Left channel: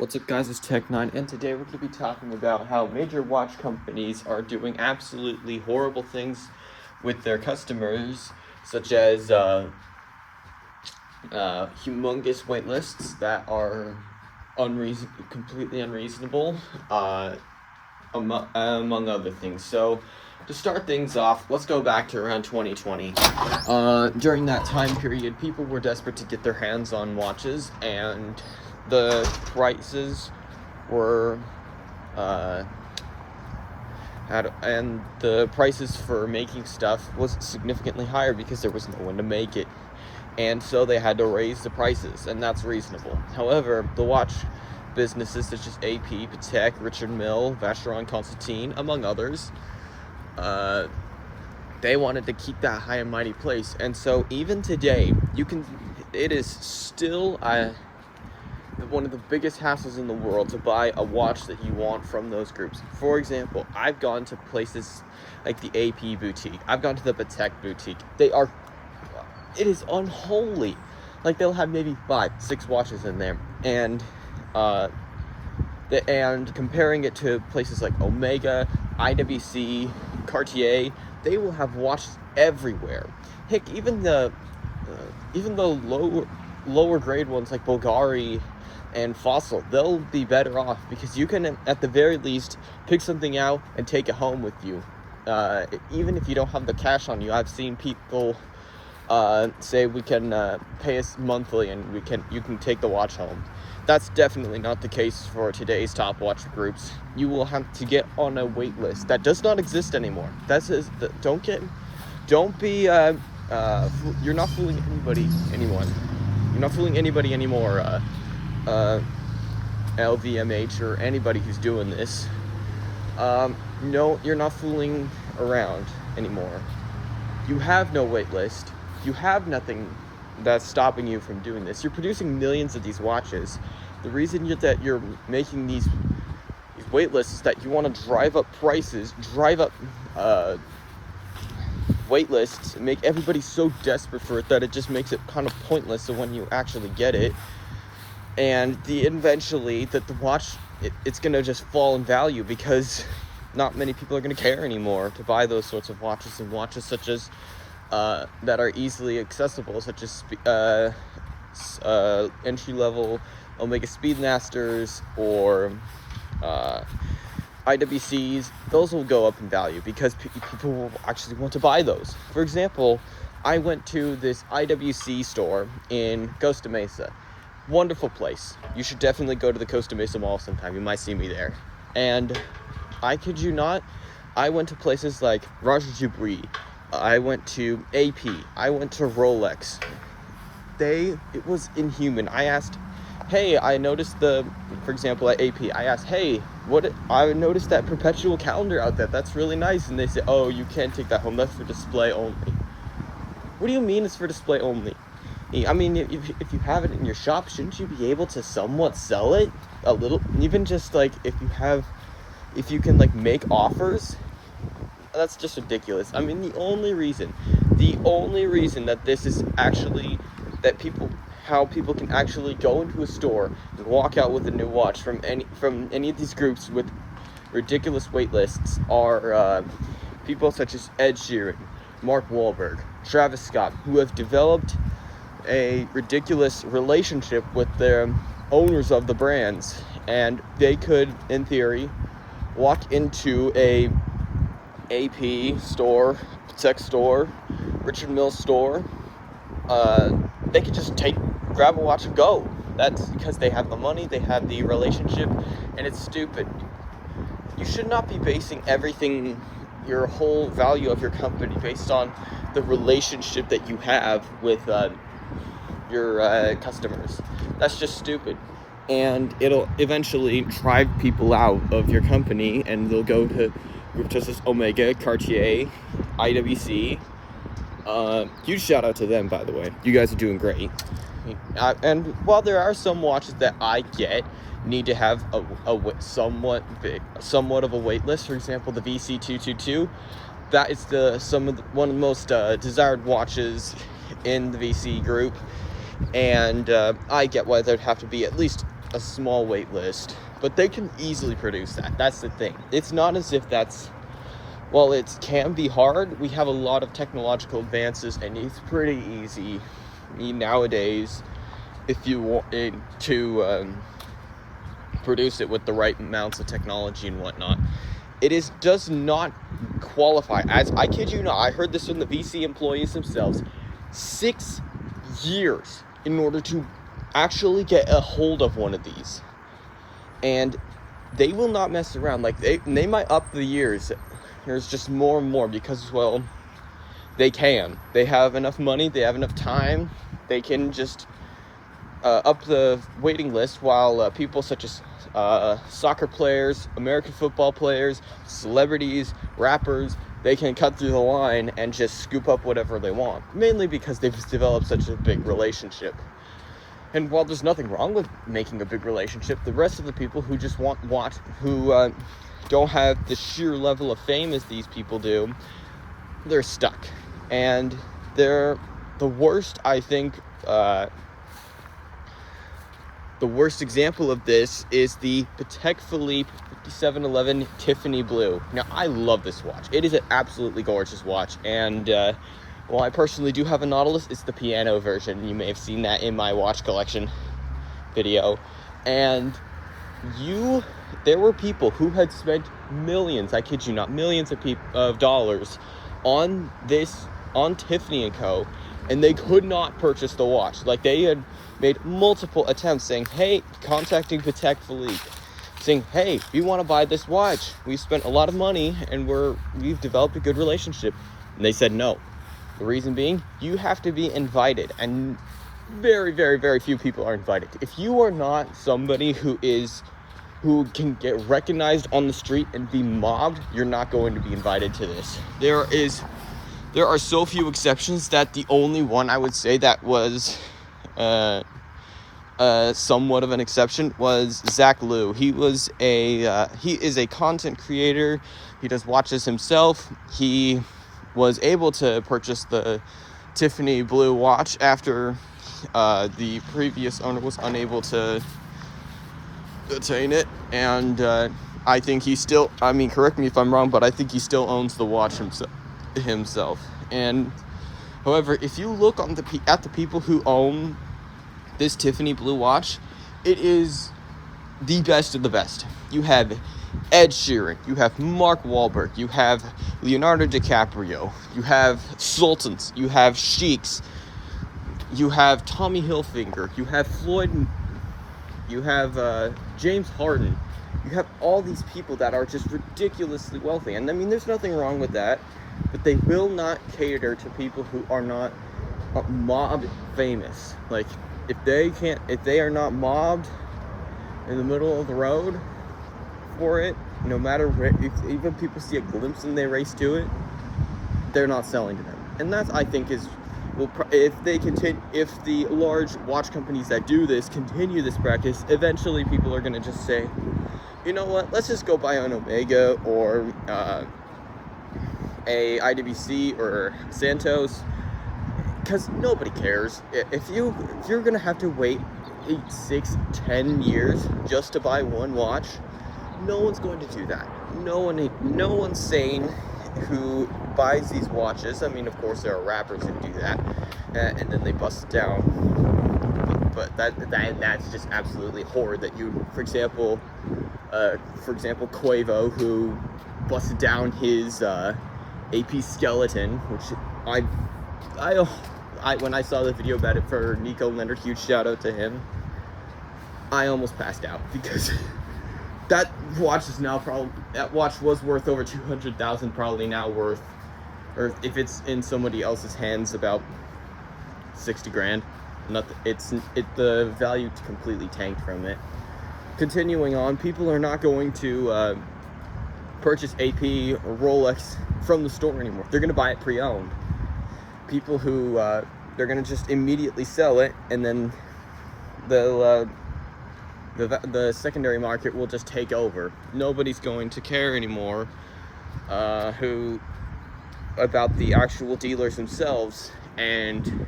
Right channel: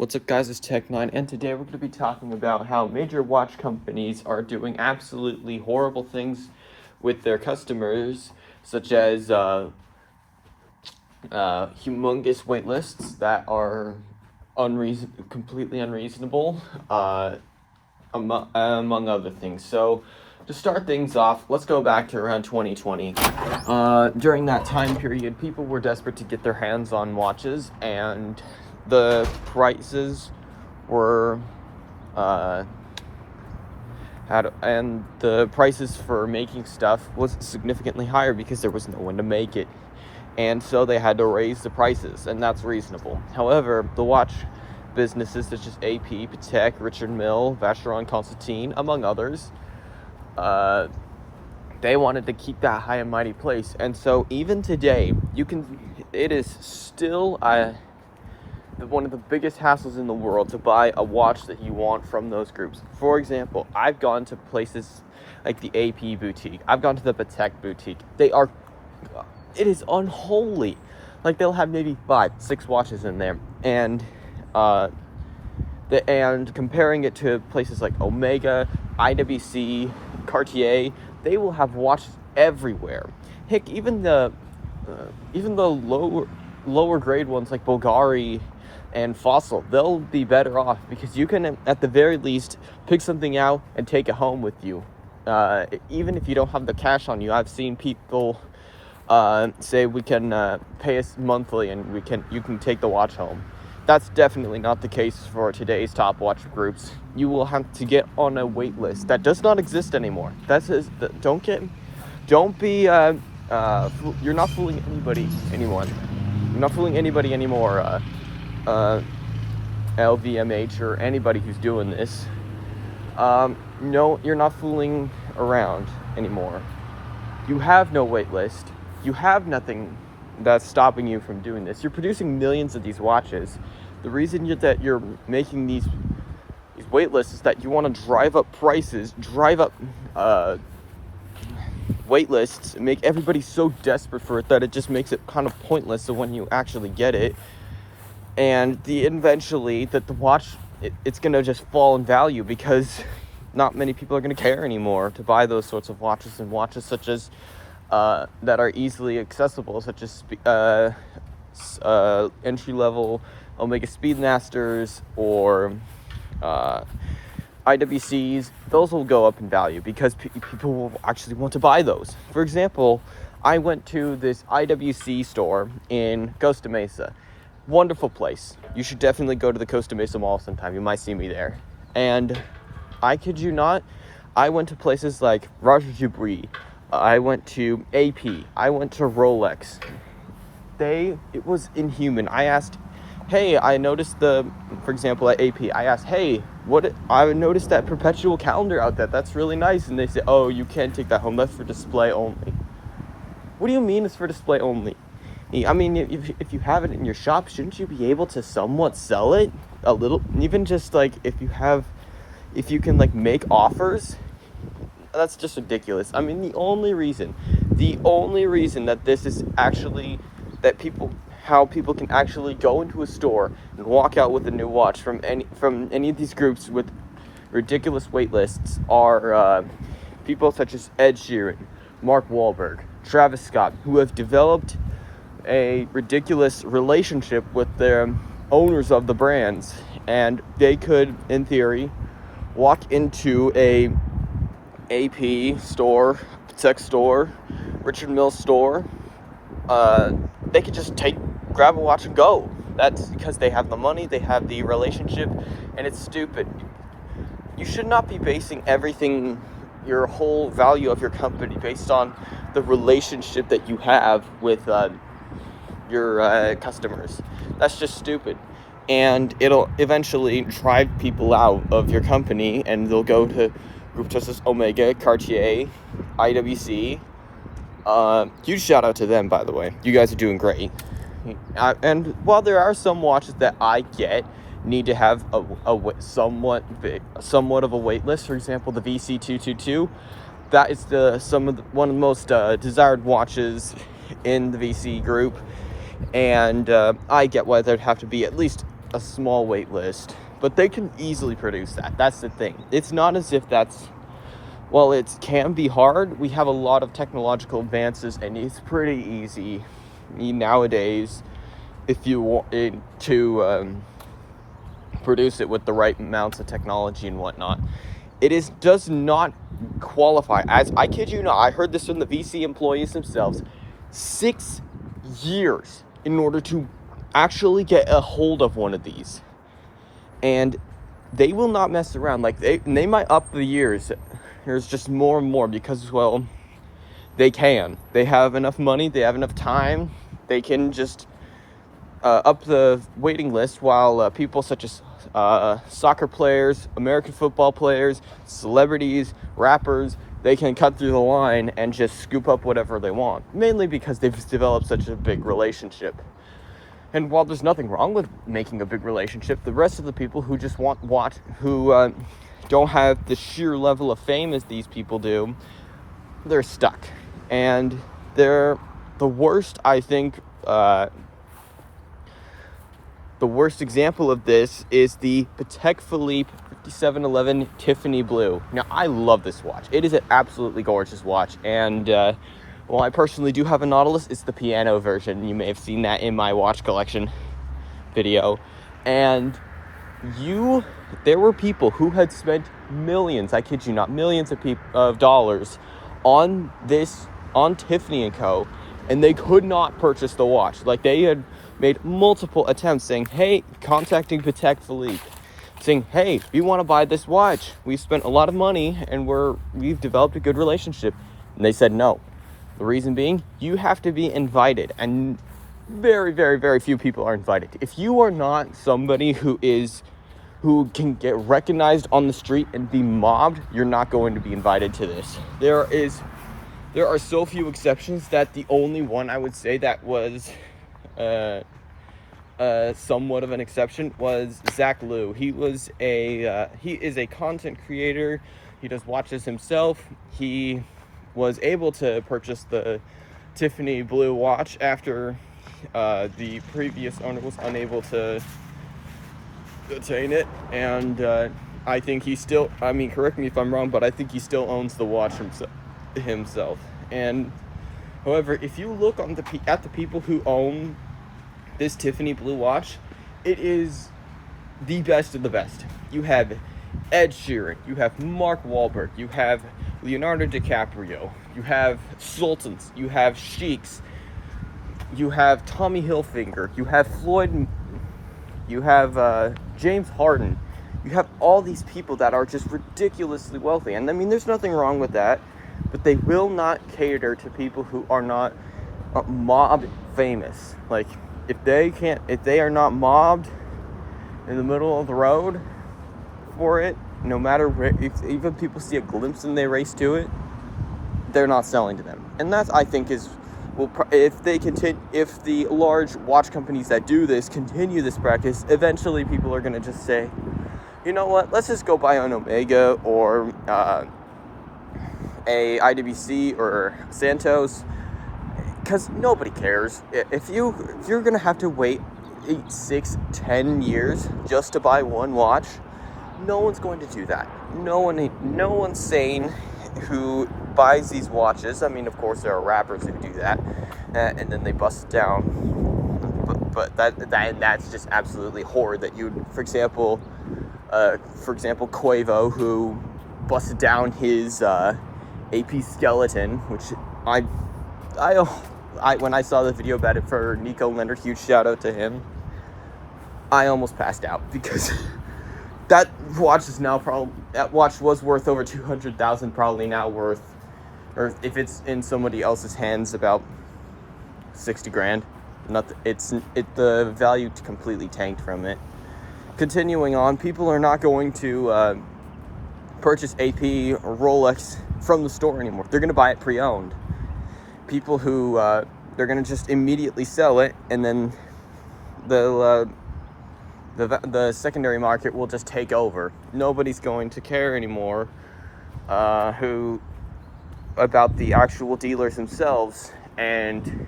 What's up, guys? It's Tech9, and today we're going to be talking about how major watch companies are doing absolutely horrible things with their customers, such as humongous wait lists that are completely unreasonable, among other things. So, to start things off, let's go back to around 2020. During that time period, people were desperate to get their hands on watches, and the prices were and the prices for making stuff was significantly higher because there was no one to make it, and so they had to raise the prices, and that's reasonable. However, the watch businesses such as AP, Patek, Richard Mille, Vacheron Constantin, among others, they wanted to keep that high and mighty place, and so even today, it is still one of the biggest hassles in the world to buy a watch that you want from those groups. For example, I've gone to places like the AP boutique. I've gone to the Patek boutique. It is unholy. Like, they'll have maybe 5-6 watches in there, and comparing it to places like Omega, IWC, Cartier, they will have watches everywhere. Heck, even the lower grade ones like Bulgari and Fossil, they'll be better off because you can, at the very least, pick something out and take it home with you. Even if you don't have the cash on you, I've seen people say we can pay us monthly and you can take the watch home. That's definitely not the case for today's top watch groups. You will have to get on a wait list that does not exist anymore. You're not fooling anybody anymore. You're not fooling anybody anymore. LVMH or anybody who's doing this. No, you're not fooling around anymore. You have no wait list. You have nothing that's stopping you from doing this. You're producing millions of these watches. The reason that you're making these wait lists is that you want to drive up prices, drive up wait lists, make everybody so desperate for it that it just makes it kind of pointless so when you actually get it. And eventually that the watch, it's going to just fall in value because not many people are going to care anymore to buy those sorts of watches, and watches such as that are easily accessible, such as entry-level Omega Speedmasters or IWCs. Those will go up in value because people will actually want to buy those. For example, I went to this IWC store in Costa Mesa. Wonderful place. You should definitely go to the Costa Mesa Mall sometime. You might see me there. And I kid you not, I went to places like Roger Dubuis. I went to AP. I went to Rolex. It was inhuman. I asked, hey, I noticed for example, at AP, I asked, hey, I noticed that perpetual calendar out there. That's really nice. And they said, oh, you can't take that home. That's for display only. What do you mean it's for display only? I mean, if you have it in your shop, shouldn't you be able to somewhat sell it a little? Even just like if you can like make offers. That's just ridiculous. I mean, the only reason that this is actually how people can actually go into a store and walk out with a new watch from any of these groups with ridiculous wait lists are people such as Ed Sheeran, Mark Wahlberg, Travis Scott, who have developed a ridiculous relationship with their owners of the brands, and they could, in theory, walk into a AP store, Patek store, Richard Mille store. They could just grab a watch and go. That's because they have the money, they have the relationship, and it's stupid. You should not be basing everything, your whole value of your company, based on the relationship that you have with your customers. That's just stupid, and it'll eventually drive people out of your company, and they'll go to groups such as Omega, Cartier, IWC. Huge shout out to them, by the way. You guys are doing great. And while there are some watches that I get need to have somewhat of a wait list, for example, the VC222, that is one of the most desired watches in the VC group, and I get why there'd have to be at least a small wait list, but they can easily produce that. That's the thing. It's not as if well, it can be hard. We have a lot of technological advances, and it's pretty easy nowadays if you want to produce it with the right amounts of technology and whatnot. Does not qualify as, I kid you not, I heard this from the VC employees themselves, 6 years in order to actually get a hold of one of these. And they will not mess around. Like, they might up the years. There's just more and more because, well, they can. They have enough money, they have enough time, they can just up the waiting list, while people such as soccer players, American football players, celebrities, rappers, they can cut through the line and just scoop up whatever they want, mainly because they've developed such a big relationship. And while there's nothing wrong with making a big relationship, the rest of the people who just who don't have the sheer level of fame as these people do, they're stuck. And they're the worst, I think. The worst example of this is the Patek Philippe 5711 Tiffany Blue. Now, I love this watch. It is an absolutely gorgeous watch. And, well, I personally do have a Nautilus. It's the piano version. You may have seen that in my watch collection video. And there were people who had spent millions, I kid you not, millions of dollars on Tiffany & Co., and they could not purchase the watch. Like, they had made multiple attempts saying, hey, contacting Patek Philippe, saying, hey, we want to buy this watch. We've spent a lot of money and we've developed a good relationship. And they said no. The reason being, you have to be invited, and very, very, very few people are invited. If you are not somebody who can get recognized on the street and be mobbed, you're not going to be invited to this. There are so few exceptions that the only one I would say that was somewhat of an exception was Zach Liu. He is a content creator. He does watches himself. He was able to purchase the Tiffany Blue watch after the previous owner was unable to attain it, and I think he still, correct me if I'm wrong, but I think he still owns the watch himself. And however, if you look at the people who own this Tiffany Blue watch, it is the best of the best. You have Ed Sheeran, you have Mark Wahlberg, you have Leonardo DiCaprio, you have Sultans, you have Sheiks, you have Tommy Hilfiger, you have Floyd, you have James Harden. You have all these people that are just ridiculously wealthy, and there's nothing wrong with that, but they will not cater to people who are not mob famous. Like, if they are not mobbed in the middle of the road for it, no matter where, if even people see a glimpse and they race to it, they're not selling to them. And that, I think, if the large watch companies that do this continue this practice, eventually people are going to just say, you know what, let's just go buy an Omega or a IWC or Santos, because nobody cares. If you're going to have to wait 8, 6, 10 years just to buy one watch, no one's going to do that. No one sane who buys these watches. Of course, there are rappers who do that, and then they bust it down. But that's just absolutely horrid. That for example, Quavo, who busted down his AP Skeleton, which when I saw the video about it for Nico Leonard, huge shout out to him, I almost passed out, because that watch was worth over 200,000, probably now worth, or if it's in somebody else's hands, about 60 grand. The value completely tanked from it. Continuing on, people are not going to purchase AP or Rolex from the store anymore. They're going to buy it pre-owned. People who they're going to just immediately sell it, and then the secondary market will just take over. Nobody's going to care anymore about the actual dealers themselves, and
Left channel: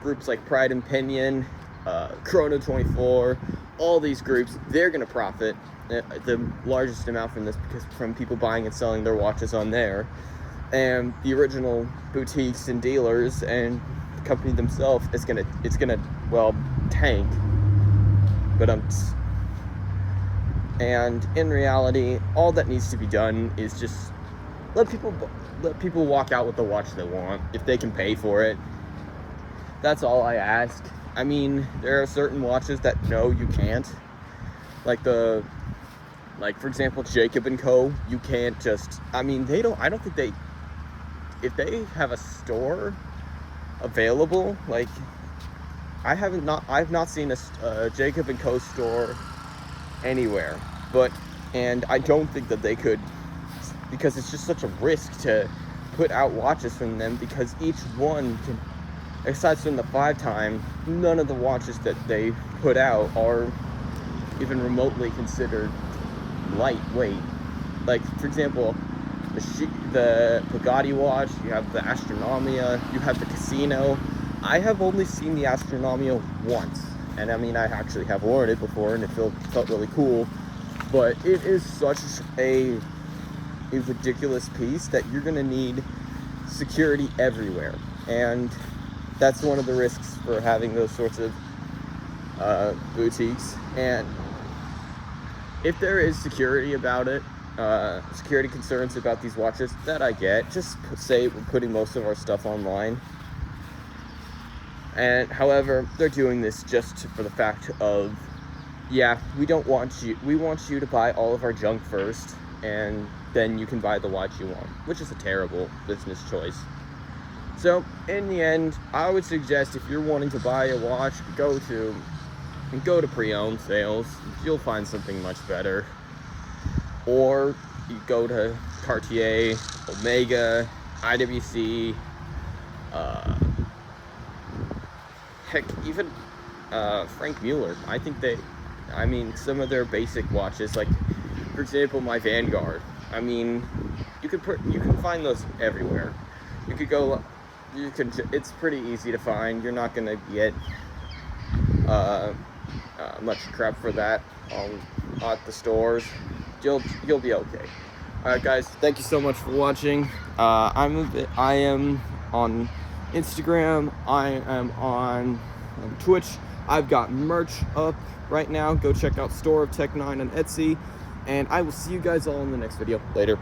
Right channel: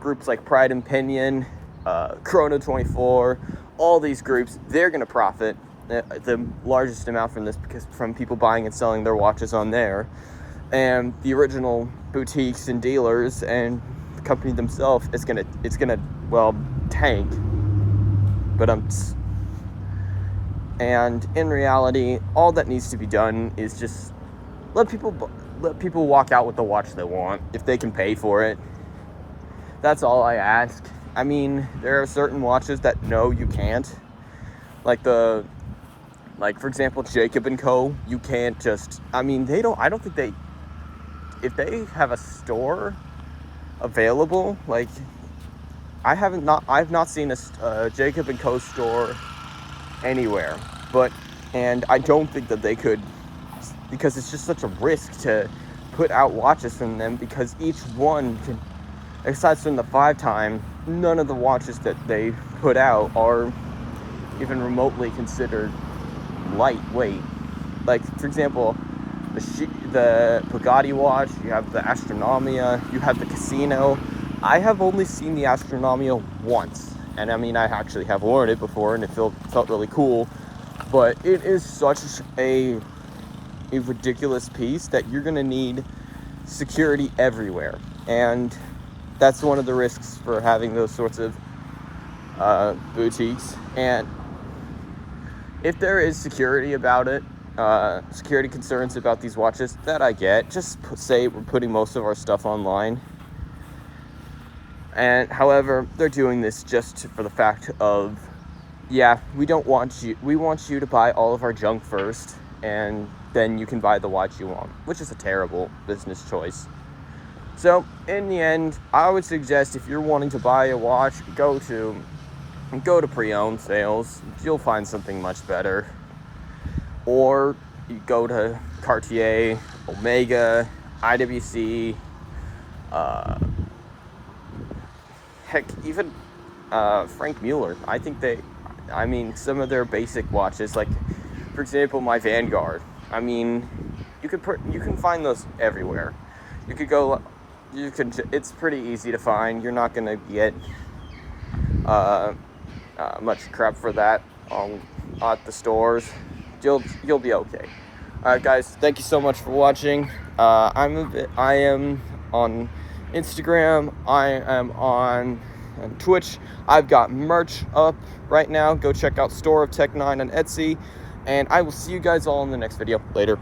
groups like Pride and Pinion Chrono24, all these groups, they're going to profit the largest amount from this because from people buying and selling their watches on there. And the original boutiques and dealers and the company themselves it's gonna well tank. But and in reality, all that needs to be done is just let people walk out with the watch they want if they can pay for it. That's all I ask. I mean, there are certain watches that no, you can't. Like for example, Jacob & Co. You can't just. I mean, I don't think they. If they have a store available, like I've not seen a Jacob & Co. store anywhere, and I don't think that they could, because it's just such a risk to put out watches from them, because each one can, aside from the 5 time, none of the watches that they put out are even remotely considered lightweight. Like, for example, the Bugatti watch, you have the Astronomia, you have the Casino. I have only seen the Astronomia once, and I mean, I actually have worn it before, and it felt really cool, but it is such a ridiculous piece that you're gonna need security everywhere, and that's one of the risks for having those sorts of boutiques. And if there is security about it, security concerns about these watches, that I get. Just say we're putting most of our stuff online. And however, they're doing this just for the fact of, yeah, we want you to buy all of our junk first, and then you can buy the watch you want, which is a terrible business choice. So in the end, I would suggest if you're wanting to buy a watch, go to pre-owned sales. You'll find something much better. Or you go to Cartier, Omega, IWC, heck, even Frank Mueller. I think some of their basic watches, like for example my Vanguard. I mean, you can find those everywhere. It's pretty easy to find. You're not gonna get much crap for that at the stores. You'll be okay. Alright guys, thank you so much for watching. I am on Instagram, I am on Twitch. I've got merch up right now. Go check out Store of Tech 9 on Etsy, and I will see you guys all in the next video. Later.